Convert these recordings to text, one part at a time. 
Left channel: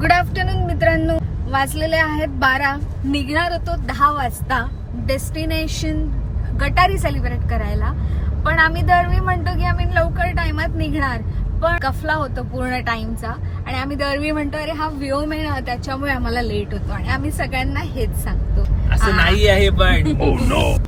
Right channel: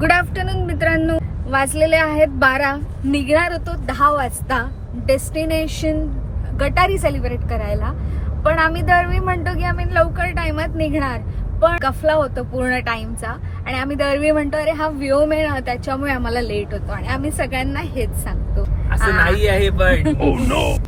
Good afternoon मित्रांनो. वाजलेले आहेत बारा. निघणार होतो दहा वाजता डेस्टिनेशन गटारी सेलिब्रेट करायला. पण आम्ही दरवी म्हणतो की आम्ही लवकर टाइमात निघणार. पण कफला होतो पूर्ण टाइमचा आणि आम्ही दरवी म्हणतो अरे हा व्ह्यू आहे त्याच्यामुळे आम्हाला लेट होतो. आणि आम्ही सगळ्यांना हेच सांगतो. असं नाही आहे पण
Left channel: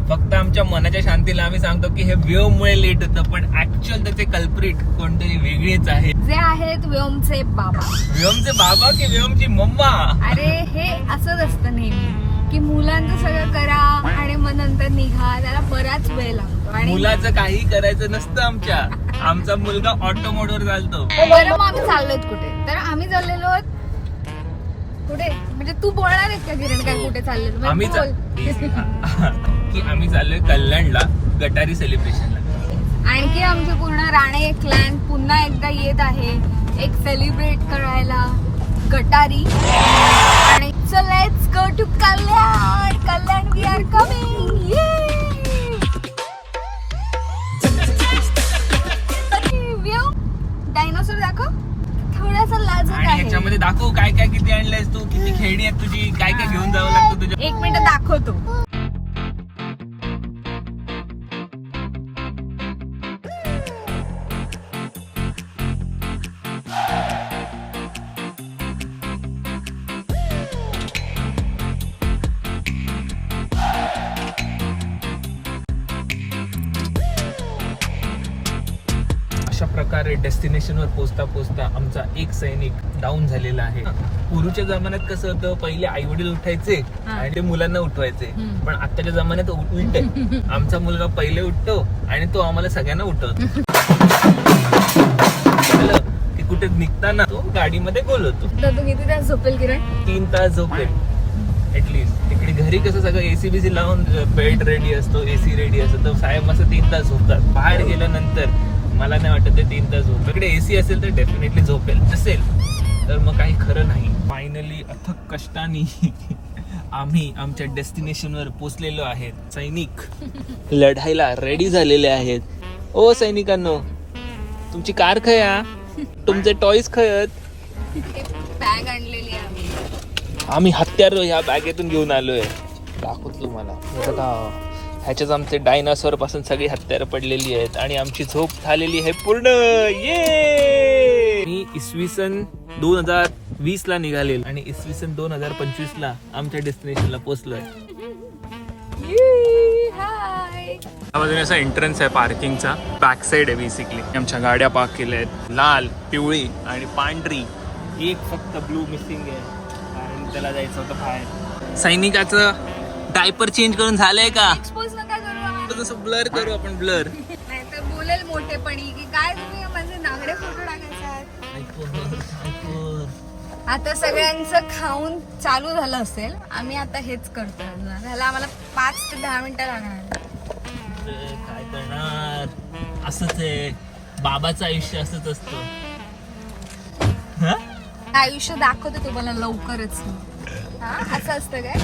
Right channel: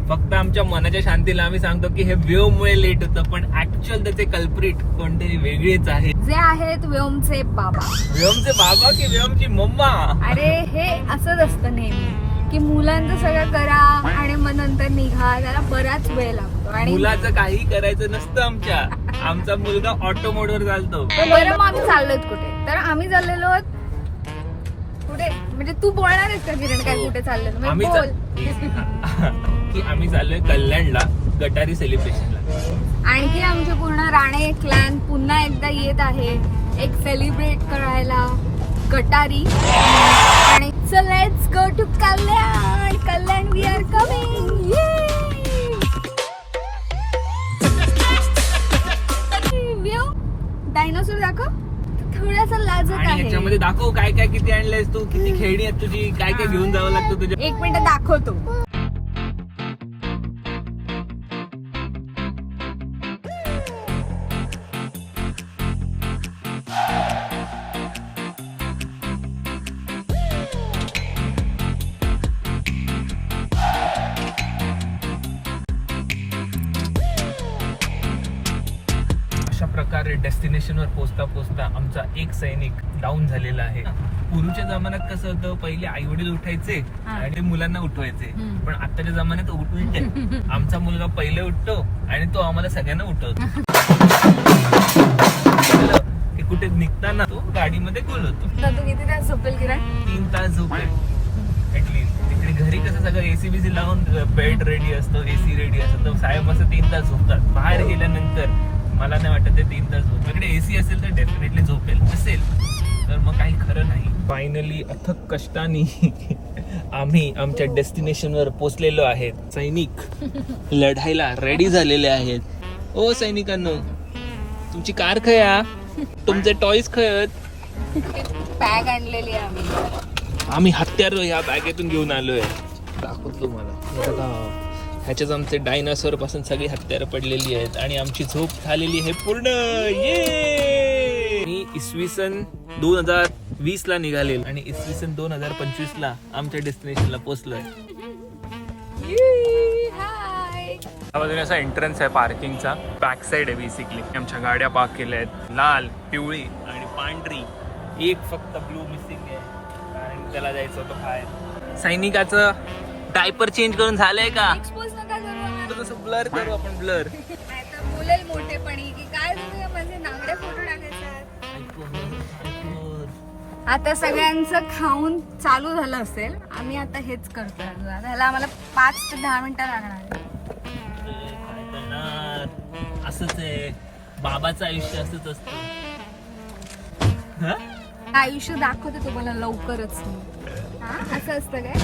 फक्त आमच्या मनाच्या शांतीला आम्ही सांगतो की हे वेव मुळे लेट होतं पण ऍक्च्युअल त्याचे कल्प्रिट कोणतरी वेगळेच आहेत. जे आहेत व्योमचे बाबा. व्योमचे बाबा की व्योमची मम्मा? अरे हे असंच असतं नेहमी की मुलांचं सगळं करा आणि मग नंतर निघा त्याला बराच वेळ लागतो. आणि मुलाचं काही करायचं नसतं आमच्या. आमचा मुलगा ऑटो मोडवर चालतो. बरं मग आम्ही चाललोय कुठे? तर आम्ही चाललेलो आहोत म्हणजे तू बोलणार आहेस का किरण काय कुठे चाललेलो आम्ही म्हणजे चा- बोल. की आम्ही चाललोय कल्याणला गटारी सेलिब्रेशनला आणखी आमची पूर्ण राणे क्लॅन पुन्हा एकदा येत आहे. एक सेलिब्रेट करायला. गटारी. आणि चल let's go to Kalyan. Kalyan we are coming थोडासा लाजत आणि आहे. ह्याच्यामध्ये दाखव काय काय किती आणलंयस तू किती खेळणी आहेत तुझी काय काय घेऊन जावं लागतं तुझ्या एक मिनिट दाखवतो. डेस्टिनेशनवर पोहोचता पोहोचता आमचा एक सैनिक डाऊन झालेला आहे. पूर्वीच्या जमान्यात कसं होतं पहिले आई वडील उठायचे हा. आणि ते मुलांना उठवायचे. पण आताच्या जमान्यात उल- उलटे आमचा मुलगा पहिले उठतो आणि तो आम्हाला सगळ्यांना उठवतो. ते कुठे निघताना तो गाडीमध्ये बोलवतो आता तू किती तास झोपेल तीन तास झोपेल. ऍटलीस्ट तिकडे घरी कसं सगळं एसी बीसी लावून बेड रेडी असतो एसी रेडी असतो. तर साहेब असं तीन तास झोपतात. बाहेर गेल्यानंतर मला नाही वाटत ते तीन तास झोप इकडे एसी असेल तर डेफिनेटली झोपेल. नसेल तर मग काही खरं नाही. फायनली अथक कष्टाने आम्ही आमच्या डेस्टिनेशनवर पोचलेलो आहेत. सैनिक लढायला रेडी झालेले आहेत. ओ सैनिकांनो तुमची कार खया तुमचे टॉईज खयत बॅग आणलेली आहे आम्ही. आम्ही हत्यार ह्या बॅगेतून घेऊन आलोय. दाखवतो तुम्हाला. ह्याच्यात आमचे डायनासोरपासून सगळी हत्यारं पडलेली आहेत आणि आमची झोप झालेली आहे पूर्ण. ये मी इसवी सन दोन हजार वीस ला निघालेल आणि इसवी सन दोन हजार पंचवीस ला आमच्या डेस्टिनेशनला पोहोचलोय. बाजूने असा एंट्रन्स आहे पार्किंगचा बॅक साइड आहे बेसिकली आमच्या गाड्या पार्क केल्या आहेत. लाल पिवळी आणि पांढरी. एक फक्त ब्लू मिसिंग आहे. कारण त्याला जायचं होतं बाहेर. सैनिकाचं डायपर चेंज करून झालंय का? तसं ब्लर करू आपण ब्लर नाहीतर बोलेल मोठेपणी की काय तुम्ही माझे नागडे फोटो टाकायचा आता सगळ्यांचं खाऊन चालू झालं असेल आम्ही आता हेच करतो. त्याला आम्हाला पाच ते दहा मिनिटं लागणार. काय करणार असंच आहे. बाबाचं आयुष्य असंच असतं. हा? आयुष्य दाखवतो तुम्हाला लवकरच हा असं असतं काय?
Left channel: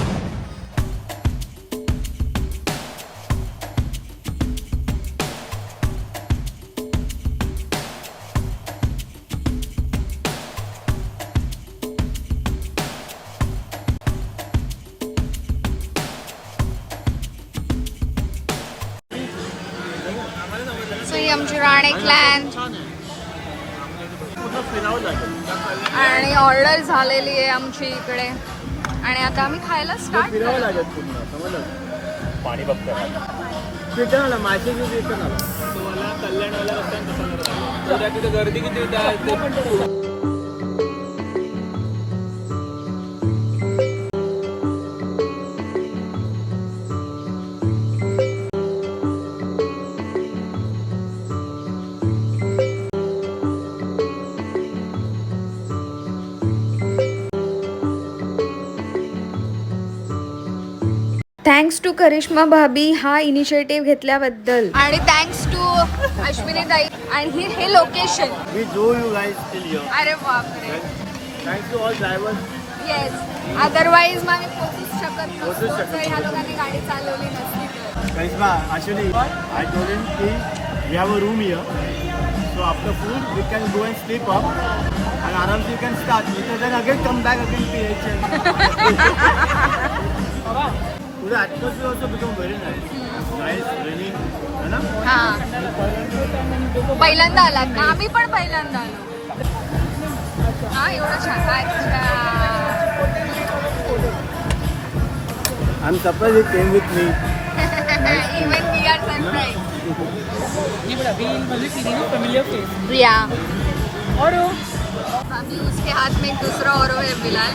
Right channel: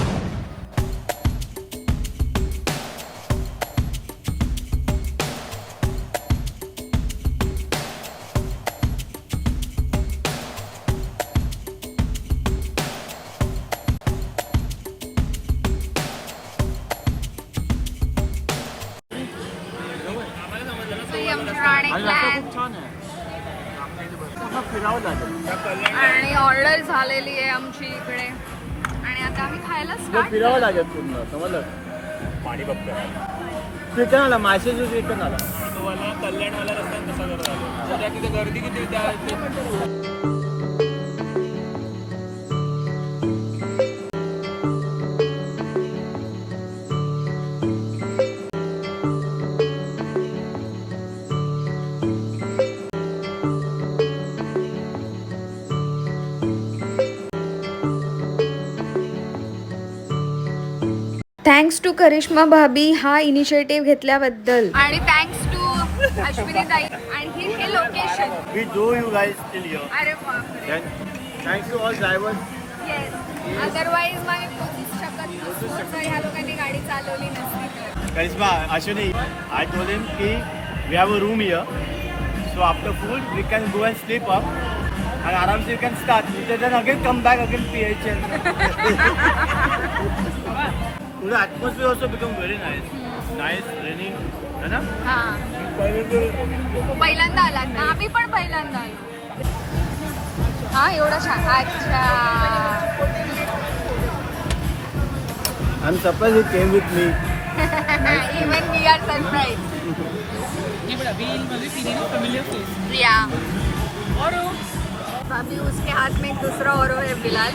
आमची इकडे. आणि आता आम्ही खायला स्टार्ट पाणी बघतोय मला कल्याणवाला रस्ता तिथे गर्दी किती थँक्स टू करिश्मा भाभी हा इनिशिएटिव्ह घेतल्याबद्दल आणि थँक्स टू अश्विनी ताई आणि हे हे location We do you guys till here. अरे बापरे Thanks to all drivers. Yes otherwise मग मी पोहोचूच शकत नसतो जर ह्या लोकांनी गाडी चालवली नसती तर Karisma, Ashwini, I told him ki we have a room here. So after food, we can go and sleep up. And Aram you can start. You then again come back again PHL. The atmosphere also become very nice. Nice, rainy. है ना? हा. पहिल्यांदा आलात ना आम्ही पण पहिल्यांदा आलो. हा एवढा छान. अच्छा. I'm surprised he came with me. Even we are surprise Priya अभी उसके हाथ में एक दूसरा औरो है बिलाल।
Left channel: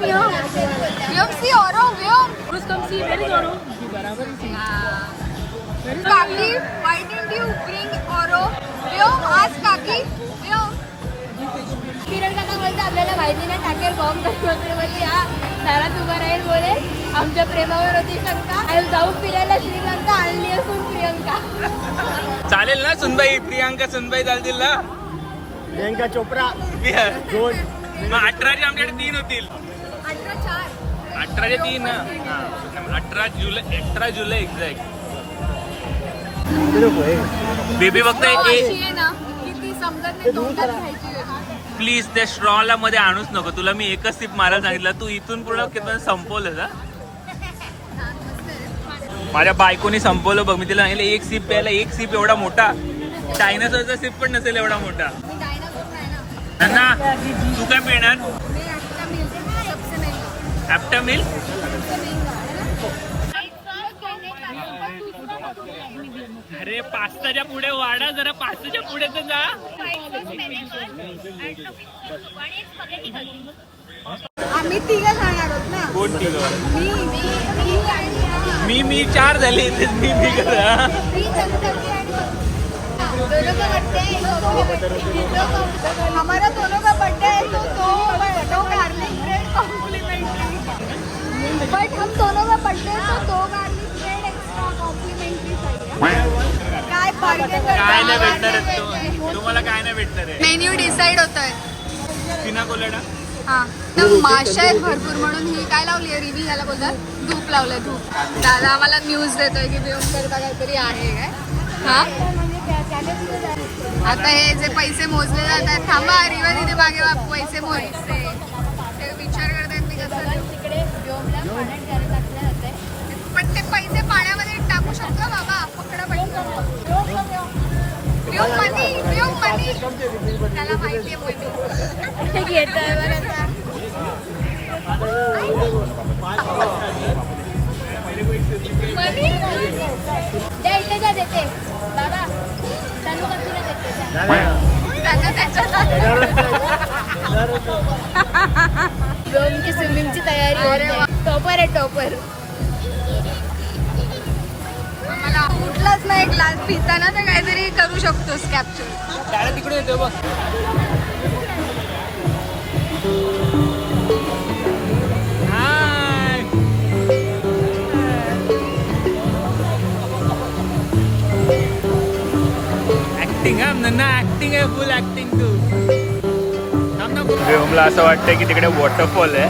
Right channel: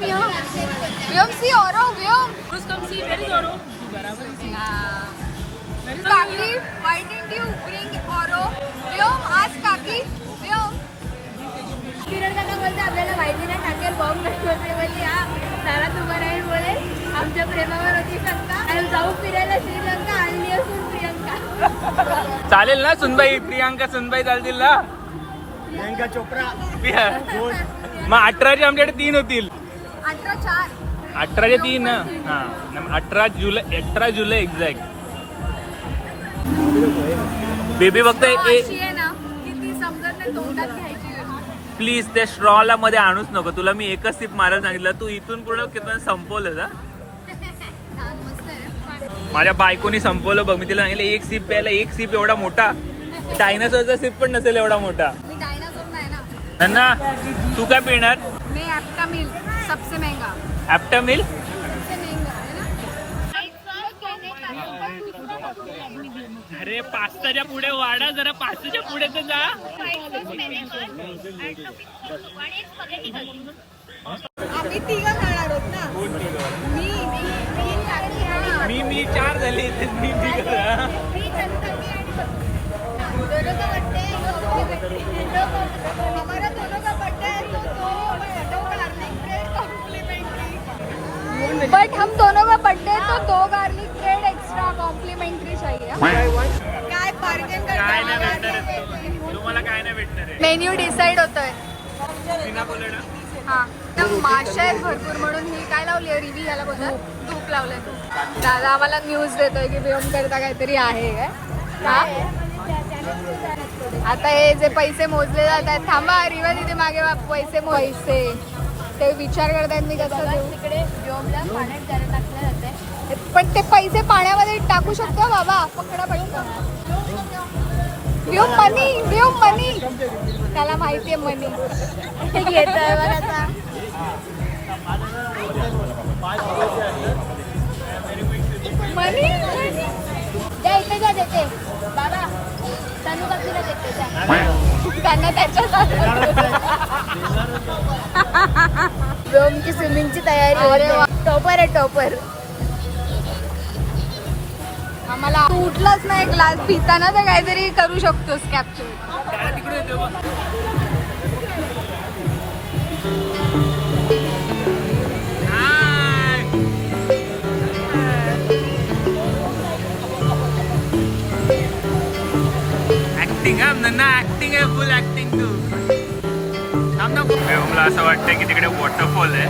व्योम सी औरो व्योम। हाँ. काकी why didn't you bring औरो व्योम आज काकी व्योम। किरण काका बोलते आपल्याला माहिती नाही टाकेल बॉम्ब नसतो बोलली हा दारात उभा राहील बोले. आमच्या प्रेमावर होती शंका. आणि जाऊ फिरायला श्रीलंका आणली असून प्रियंका. चालेल ना सुनबाई प्रियांका सुनबाई चालतील ना. प्रियंका चोप्रा. मग अठराचे आमच्याकडे तीन होतील. अठरा चार. अठराचे तीन. अठरा जुलै अठरा जुलै एक्झॅक्ट बेबी फक्त अशी आहे ना की ती समजत नाही तोंडात घ्यायची होती. प्लीज त्या स्ट्रॉला मध्ये आणूच नको. तुला मी एकच सिप मारायला सांगितलं. तू इथून पूर्ण किती संपवलं का छान, मस्त आहे ना. माझ्या बायकोनी संपवलं बघ. मी तिला सांगितलं एक सिप प्यायला एक सिप एवढा मोठा. डायनासोरचा सिप पण नसेल एवढा मोठा. नन्ना तू काय पिणार मैं आपका मिल्क सबसे महंगा ॲप्टा मिल्क सबसे महंगा है ना अरे पास्ताच्या पुढे वाढा जरा पास्ताच्या पुढे तर जा आम्ही तिघं खाणार आहोत ना मी मी आणि मी मी चार झाले मी मी दोनों का बर्थडे है दो दो हमारा दोनों का बर्थडे है तो दो दो गार्लिक ब्रेड कॉम्प्लीमेंट्री बट हम दोनों का बर्थडे है तो दो गार्लिक ब्रेड एक्स्ट्रा कॉम्प्लीमेंट्री काय बार्गेन काय नाही भेटणार आहे तू. तुम्हाला काय नाही भेटणार आहे. मेन्यू डिसाइड होतोय. पिना कोलोडा हा. ना माशा आहेत भरपूर म्हणून ही काय लावली आहे? रिवी ह्याला बोलतात. धूप लावलंय धूप. दादा आम्हाला न्यूज देतोय की बेओमकेरचा काहीतरी आहे. काय हा? आता हे जे पैसे मोजले जातात थांबा रिवा तिथे मागे वा- पैसे मोज ते विचार करतात मी कसं. तिकडे पाण्यात जरा टाकलं जाते पण ते पैसे पाण्यामध्ये टाकू शकतो बाबा पकडा पडली देऊ मनी देऊ मनी. त्याला माहितीये मनी. घेत आहे द्या इथे द्या देते. व्योमची स्विमिंगची तयारी वा. टॉपर आहे टॉपर. आम्हाला उठलाच नाही ग्लास पिताना तर काहीतरी करू शकतोस कॅप्चर तिकडे ऍक्टिंग हा नन्ना ऍक्टिंग आहे फुल ऍक्टिंग तू व्योमला असं वाटतं की तिकडे वॉटरफॉल आहे.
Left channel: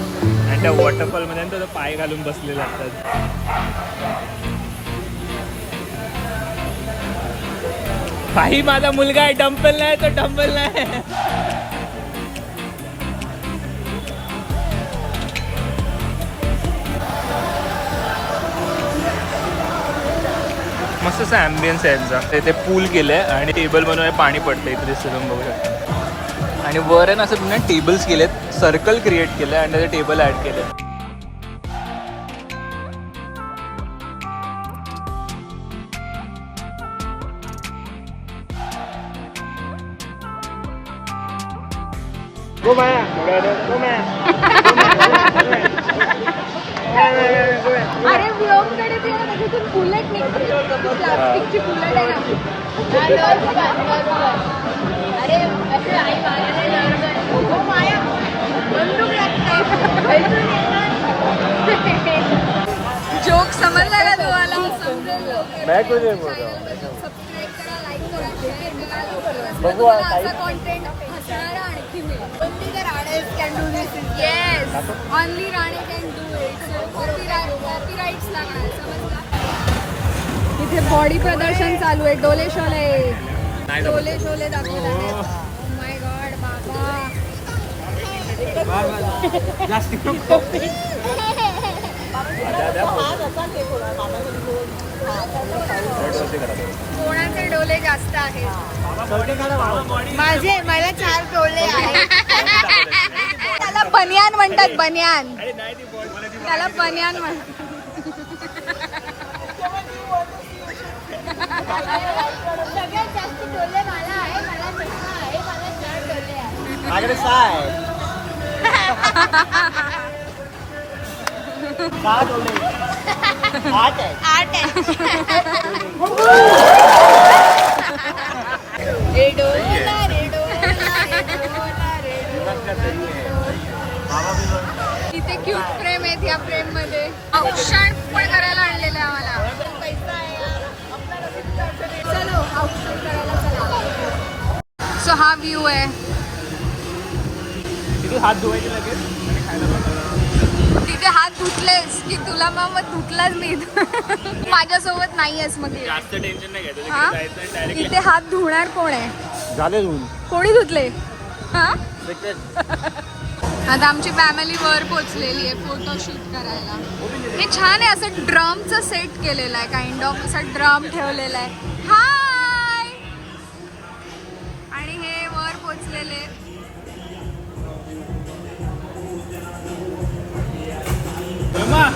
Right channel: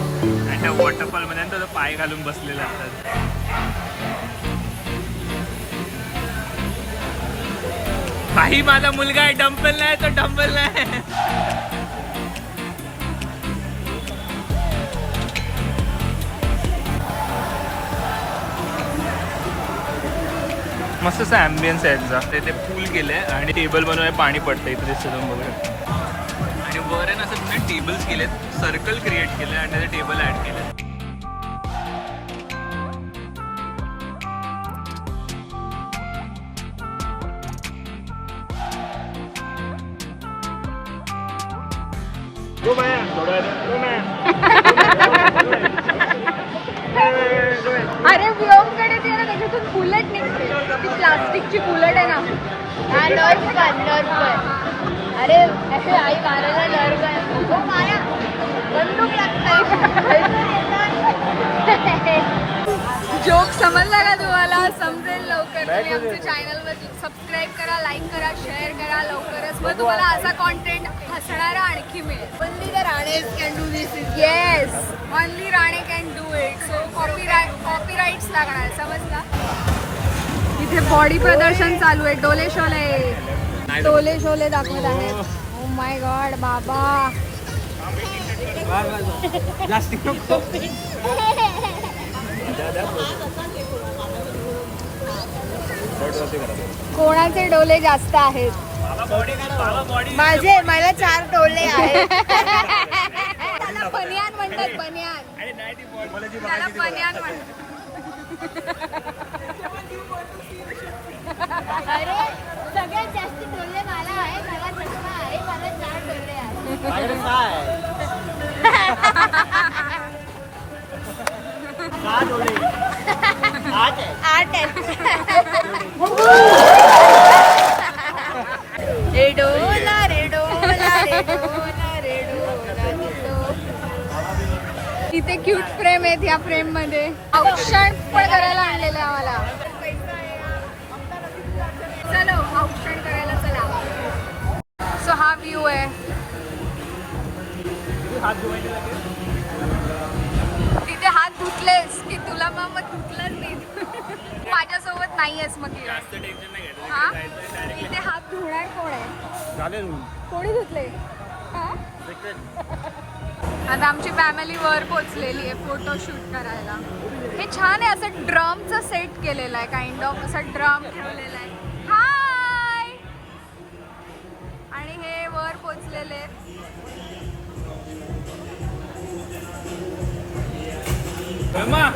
आणि त्या वॉटरफॉलमध्ये तो पाय घालून बसलेला असतात भाई माझा मुलगा आहे डंपल नाही तो डंपल नाही. मस्त असं ॲम्बियन्स आहे यांचा. ते पूल केलंय आणि टेबल बनवून पाणी पडतं इथे दिसतं तुम्ही बघू शकता. आणि वर आहे ना असं तुम्ही टेबल्स केलेत. सर्कल क्रिएट केलंय आणि त्याचे टेबल ऍड केले असे आई मारायला हो माया. बंदूक जोक समजला ना तुम्हाला समजेल लवकर. चॅनलमध्ये सबस्क्राईब करा लाईक करा शेअर करा लवकरच. मग तुम्हाला असा कॉन्टेंट हसणारा आणखी मिळेल. Only the Ranes can do this. Yes only Rane can do it so copyright copyrights लागणार समजला? इथे बॉडी प्रदर्शन चालू आहे. डोले शोले. डोले शोले दाखवत आहेत. बाबा. जास्ती नको. कोणाचे डोले जास्त आहेत? माझे मला चार डोले आहेत. त्याला बनियान म्हणतात बनियान. त्याला बनियान म्हणतात. सगळ्यात जास्त डोले मला आहे मला चष्मा आहे इथे क्यूट फ्रेम आहेत या फ्रेममध्ये. औक्षण पण करायला आणलेलं आहे आम्हाला. चलो औक्षण करायला चला. सो हा व्ह्यू आहे. हात धुवायचे लागेल तिथे हात धुतलेस की तुला मग मग धुतलाच मी माझ्यासोबत नाहीयेस मग हा? इथे हात धुणार कोण आहे? झाले धुवून. कोणी धुतले? हा? आता आमची फॅमिली वर पोचलेली आहे फोटोशूट करायला. हे छान आहे असं ड्रमचं सेट केलेलं आहे काइंड ऑफ असं ड्रम ठेवलेला आहे. हाय आणि हे वर पोचलेले.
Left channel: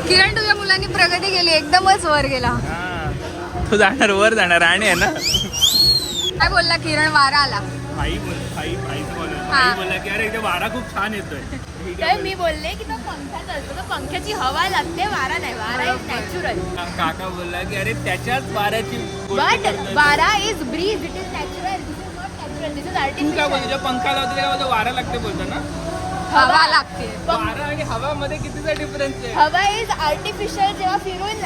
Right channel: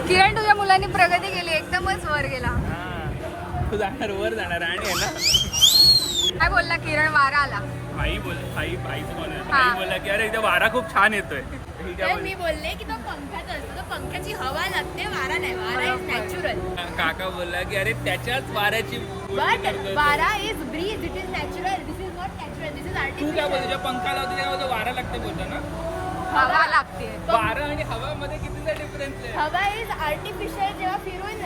किरण तुझ्या मुलांनी प्रगती केली एकदमच वर गेला. तो जाणार वर जाणार आणि आहे ना? काय बोलला किरण? वारा आला. भाई बोल भाई भाईचं बोल. हा. भाई बोलला की अरे इथे वारा खूप छान येतोय. तर मी बोलले की तो पंख्याचा असतो तो पंख्याची हवा लागते वारा नाही. वारा इज. नॅचरल. काका बोलला की अरे त्याच्याच वाऱ्याची. वारा is breeze it is natural तू काय आर्टिफिशियल बोलतो पंखा लावतो तेव्हा तो वारा लागते बोलतो ना हवा? लागते वारा आणि हवामध्ये कितीचा डिफरन्स आहे? हवा इज आर्टिफिशियल जेव्हा फिरून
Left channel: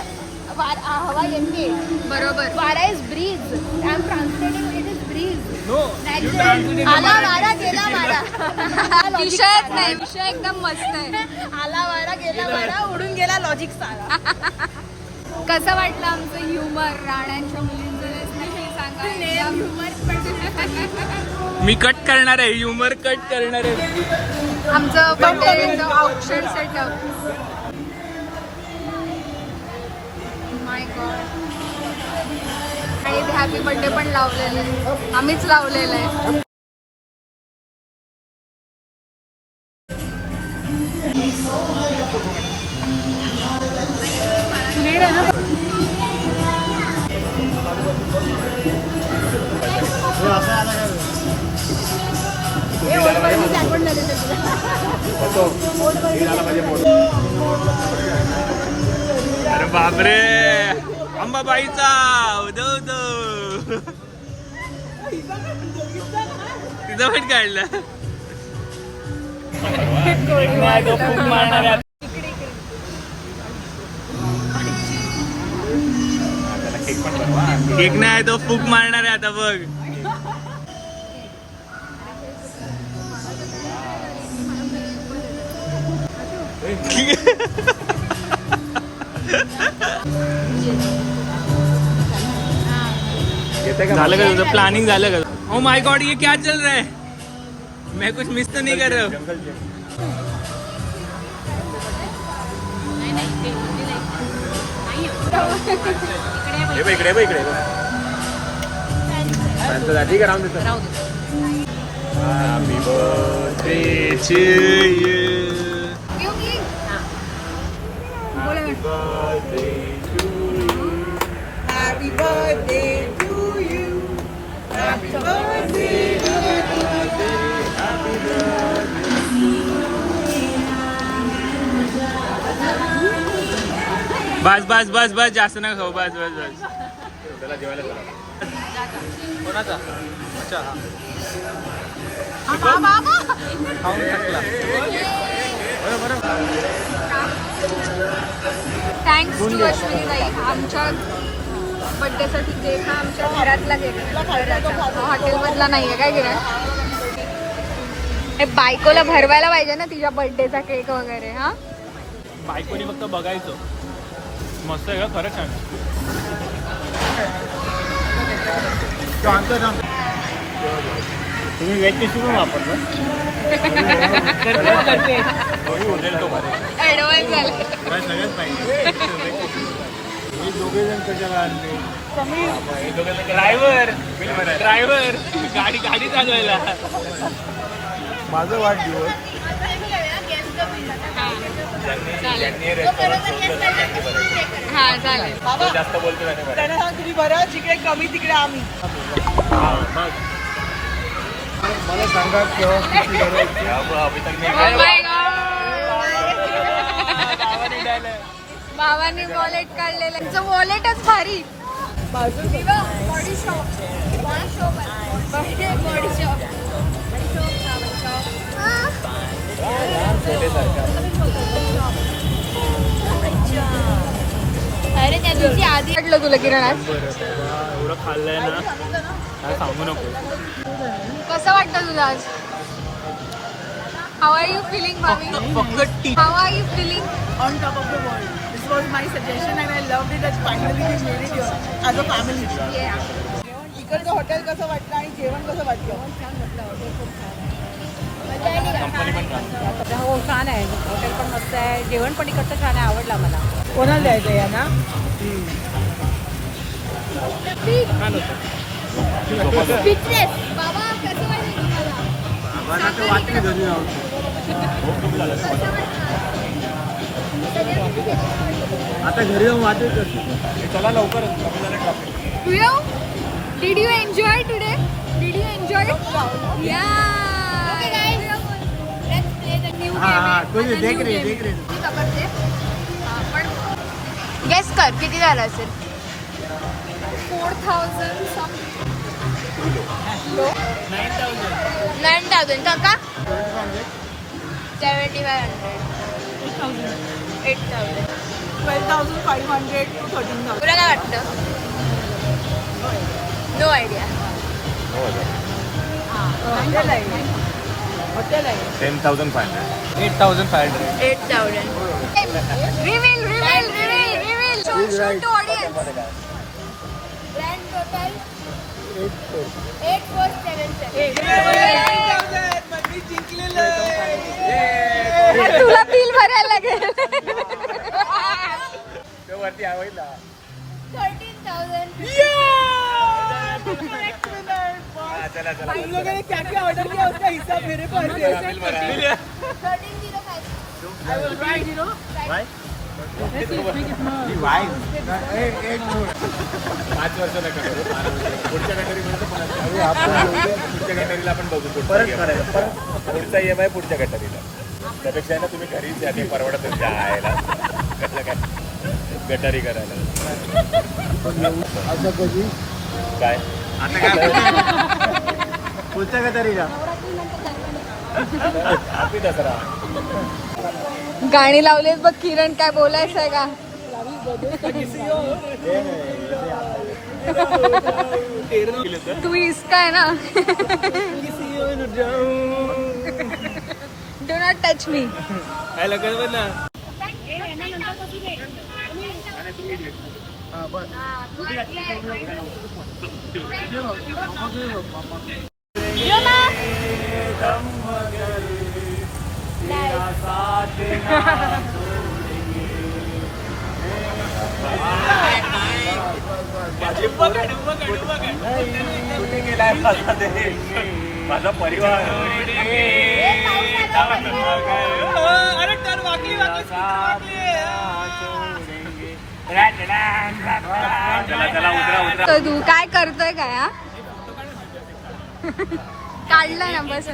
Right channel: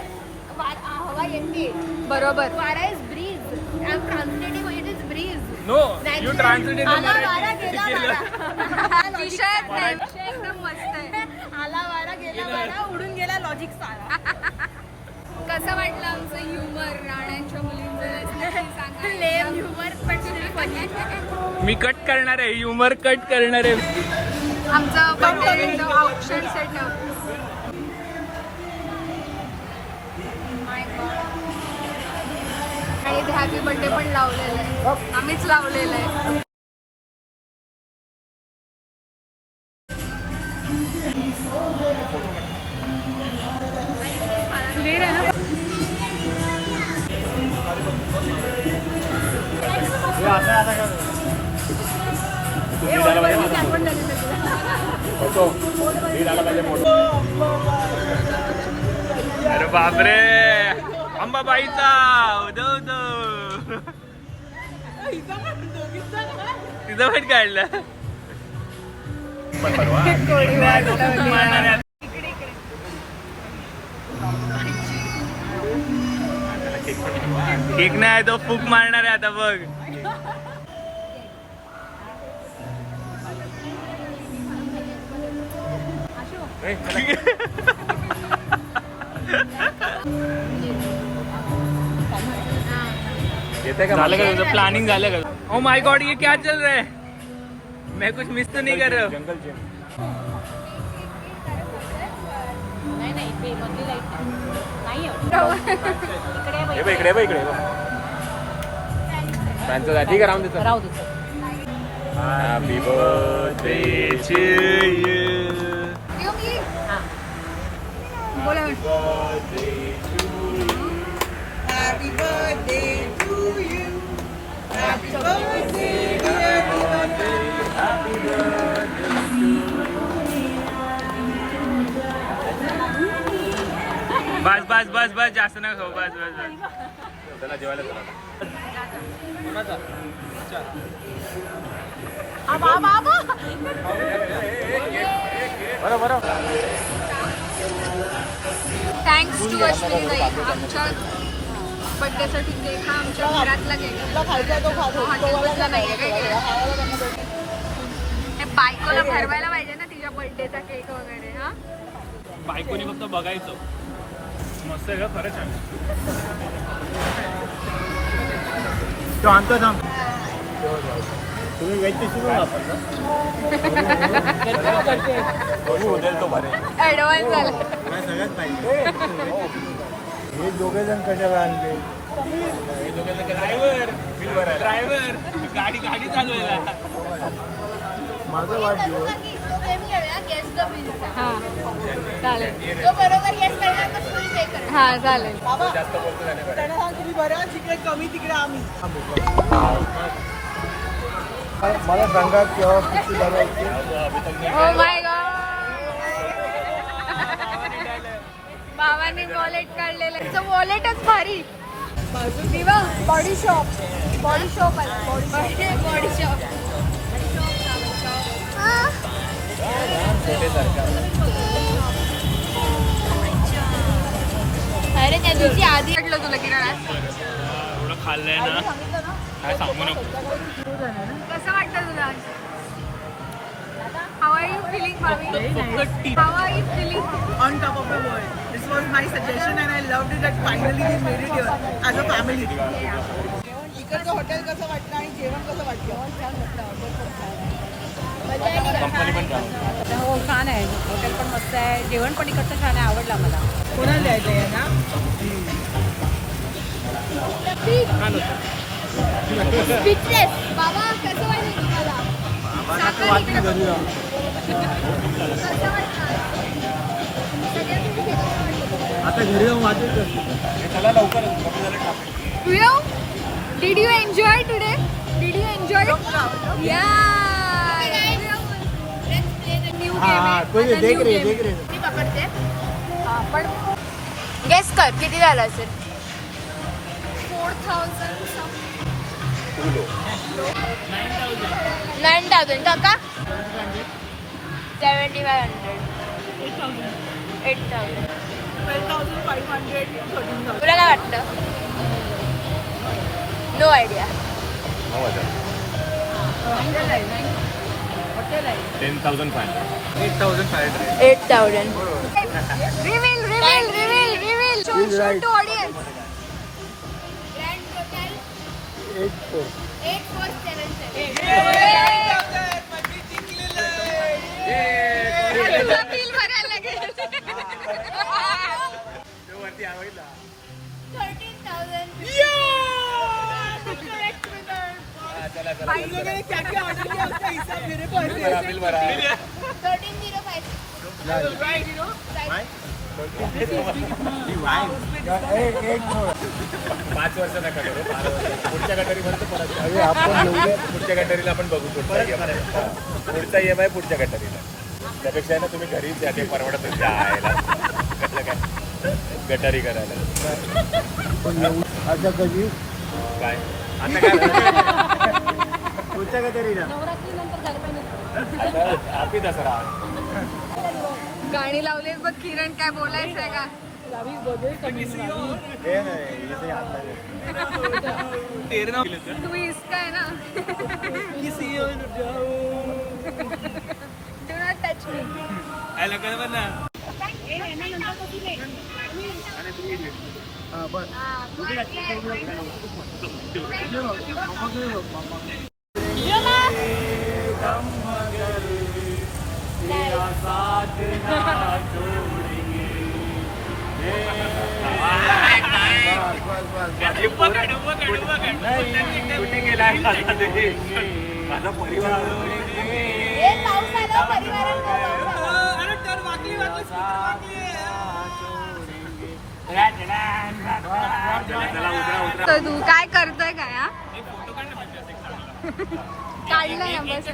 हवा येते. बरोबर. वारा is breeze I am translating it is breeze no you natural translate आला वारा मराठी गेला केलं. वारा. विषयच नाही. विषय एकदम मस्त आहे. आला वारा गेला वारा उडून गेला लॉजिक सारा कसं वाटलं आमचं ह्युमर राण्यांच्या मुलींचं मी कट करणार आहे ह्युमर कट करणार आहे. आमचं बर्थडे औक्षण सेटअप माय गॉड आणि हॅपी बर्थडे पण लावलेलं आहे. आम्हीच लावलेलं आहे. बापरे. अंबाबाईचा. उदो उदो तिथं पण काढलं. केक नाही तो फूक मारणार आहे आता बघ. झालं का तुझं? प्लॅनिंग झालं का? ओ माय गॉड ये क्या चल रहा है? मैं कुछ मिस तो नहीं कर रहा हूँ। Happy birthday to you. बोला बस बस बस बस जास्त ना खाऊ. बस बस बस. थँक्स टू अश्विनी ताई आमच्या बर्थडेसाठी केक हा आमच्या घरातला केक हॉटेलमधला नाहीये काय केलं? हे बायकोला भरवायला पाहिजे ना तिच्या बर्थडेचा केक वगैरे हा? बायकोनी फक्त बघायचं. मस्त आहे खरंच तुम्ही वेज टिश्यू पण वापरतो तो शोधेल तो मध्ये. ऍडव्हान्स झालं. सगळ्यात पाहिजे? हे दोघे जण कशाला आणले ड्रायव्हर. ड्रायव्हर. गाडी गाडी चालवायला. माझा वाढदिवस. हा. चालेल. हा चालेल. जास्त बोलतो त्याने सांग तुम्ही जिकडे कमी तिकडे आम्ही. मला सांगा केव्हा किती बाबांनी वॉलेट काढलेलं त्यांचं वॉलेटच भारी. Body shop body shop body shop अरे त्या दिवशी आधी वाटलं तुला किरण. एवढं खाल्लंय ना. काय सांगू नको. कसं वाटतं तुला आज? हाव आर यू फिलिंग भावी how are you feeling on top of the world this was my suggestion and I love it that finally we made it your as a family इकडचं हॉटेल कसं वाटलं आणि जेवण कसं वाटलं? कंपनी पण छान. हो छान आहे. हॉटेल पण मस्त आहे. जेवण पण इकडचं छान आहे आवडला मला. कोणाला द्यायचं आहे ना? छान होतं. स्पीचलेस बाबा कसं वाटलं तुम्हाला आता घरी जाऊन वाचत चला लवकर Rio, did you enjoy today? Did you enjoy? Yeah. Okay, guys. Let's play the new game. आहे. कोणी आता देख new रे, game. देख रे. मी पकडते हा, पण गेस कर किती झालं असेल फोर थाउजंड नाईन थाउजंड टाका seventy five hundred. Eight thousand. Twelve thousand five hundred thirteen thousand तुला काय वाटतं? No idea ten thousand five hundred eight thousand. Five hundred eight thousand reveal reveal reveal reveal show show to audience grand total eight four seven seven तुला bill भरायला लागेल thirteen चला चला हम लोगों ने क्या क्या ऑर्डर किया उसका हिसाब मेरे पास है। बिल भरा पाच वर्ष नका करू बारा वर्ष. पुढच्या गटारीपर्यंत पुढच्या गटारीला आपण बघू पुढचा पुढचा ई एम आय पुढच्या गटारीला. त्यापेक्षा आहे ना तुम्ही घरीच द्या ते परवडत जायला कसं काय? गटारी करायला. असं कधी? काय? आता काय? पुढच्या हॅपी दसरा. गाणी लावलीत बघ किरण काय बोलायचं आहे का? तू इसका आहे ना? डो नॉट टच मी काय लगन पण ना माझा परिवार अरे वाकली तर तू काय करतोय काय हा काढलं ना बस.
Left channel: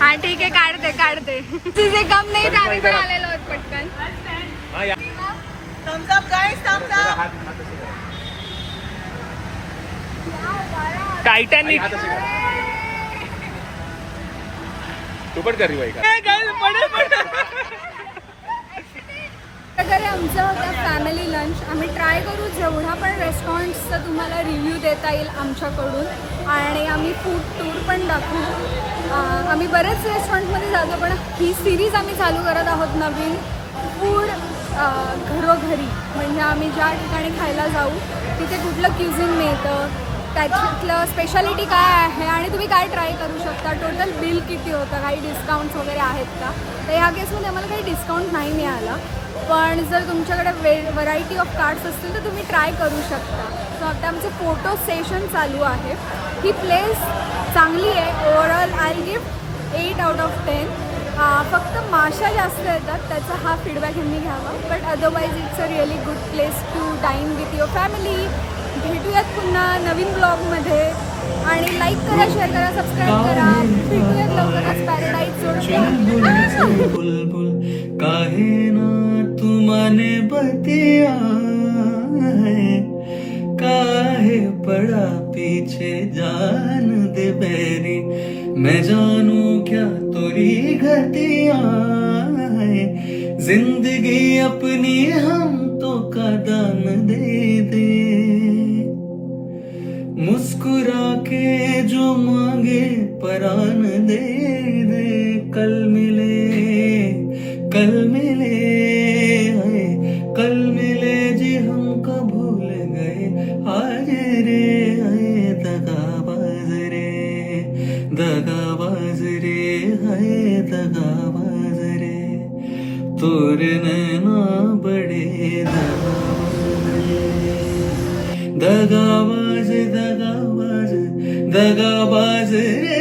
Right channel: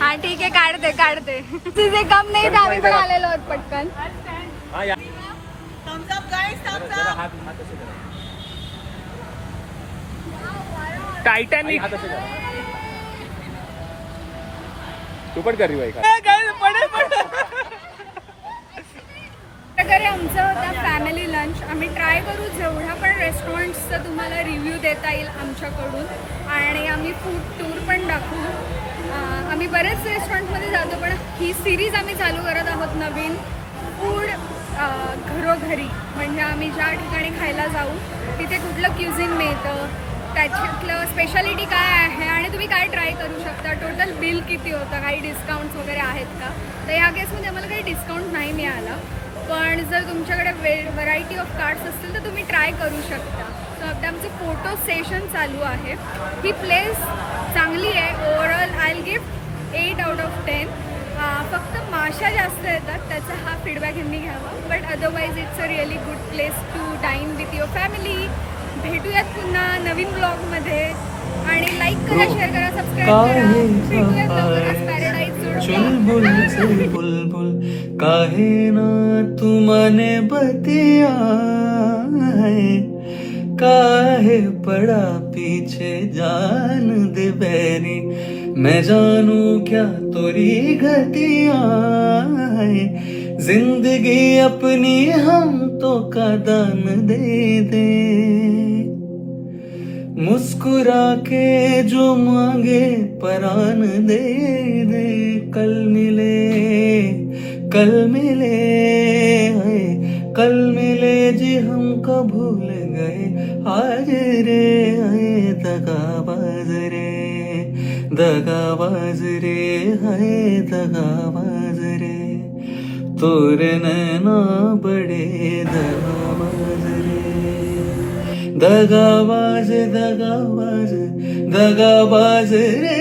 हा ठीक आहे काढते काढते. तुझे कम नाही तर आम्ही पण आलेलो आहोत पटकन. टायटॅनिक तू पण करी आमचं होतं फॅमिली लंच आम्ही ट्राय करू जेवढा पण रेस्टॉरंट्सचा तुम्हाला रिव्ह्यू देता येईल आमच्याकडून. आणि आम्ही फूड टूर पण दाखवू. आम्ही बरेच रेस्टॉरंटमध्ये जातो पण ही सिरीज आम्ही चालू करत आहोत नवीन. फूड घरोघरी. म्हणजे आम्ही ज्या ठिकाणी खायला जाऊ तिथे कुठलं क्युझिन मिळतं त्याच्यातलं स्पेशालिटी काय आहे आणि तुम्ही काय ट्राय करू शकता? टोटल बिल किती होतं? काही डिस्काउंट्स वगैरे आहेत का? तर ह्या केसमध्ये आम्हाला काही डिस्काउंट नाही मिळाला. पण जर तुमच्याकडे वे व्हरायटी ऑफ कार्ड्स असतील तर तुम्ही ट्राय करू शकता. सो आता आमचं फोटो सेशन चालू आहे. ही प्लेस चांगली आहे. Overall I gift eight out of ten फक्त माशा जास्त येतात. त्याचा हा फीडबॅक यांनी घ्यावा. But otherwise it's a really good place to dine with your family भेटूयात पुन्हा नवीन ब्लॉगमध्ये. आणि लाईक करा शेअर करा सबस्क्राईब करा. भेटूयात लवकरच पॅराडाईज बुलबुल काहे ना तू बतिया काहे पड़ा पीछे जान दे बैरी? मैं जानू क्या तोरी घटिया ज़िंदगी अपनी हम तो का दान दे दे। मुस्कुरा के जो मांगे परान दे दे, कल मिले कल मिले है कल मिले जी हमको भूल गए। आज रे है दगाबाज रे दगाबाज रे है दगाबाज रे। तोरे नैना बड़े दगाबाज दगाबाज दगाबाज दगाबाज रे